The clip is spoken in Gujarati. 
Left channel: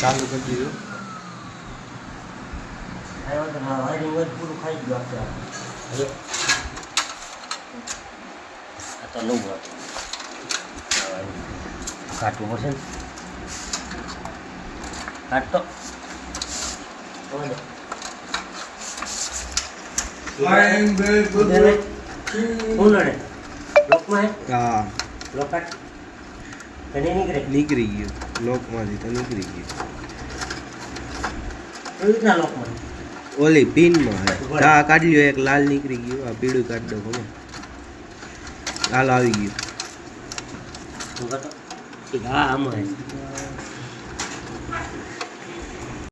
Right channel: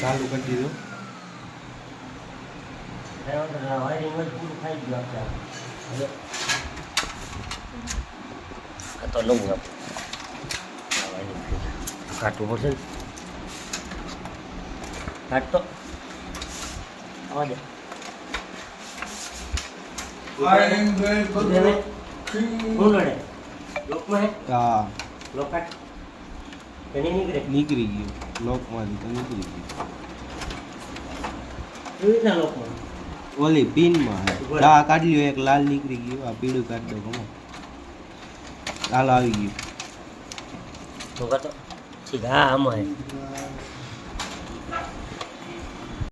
ચાલુ કરી દીધો. વાયરિંગ હોય પૂરું ખાઈ ગયું આપણે હવે તો નવું કાઢવું પડશે ને કાઢતો હા નીકળે નીકળી ગયું લોકમાંથી તો નીકળી ગયું. એવી રીતના લોકમાં ઓલી પિનમાં હે આ કાઢી લ્યો. એક લાલ નીકળી ગયું. આ પીળું કાઢી દો. ખબર લાલ આવી ગયું. ઠીક હા આમાં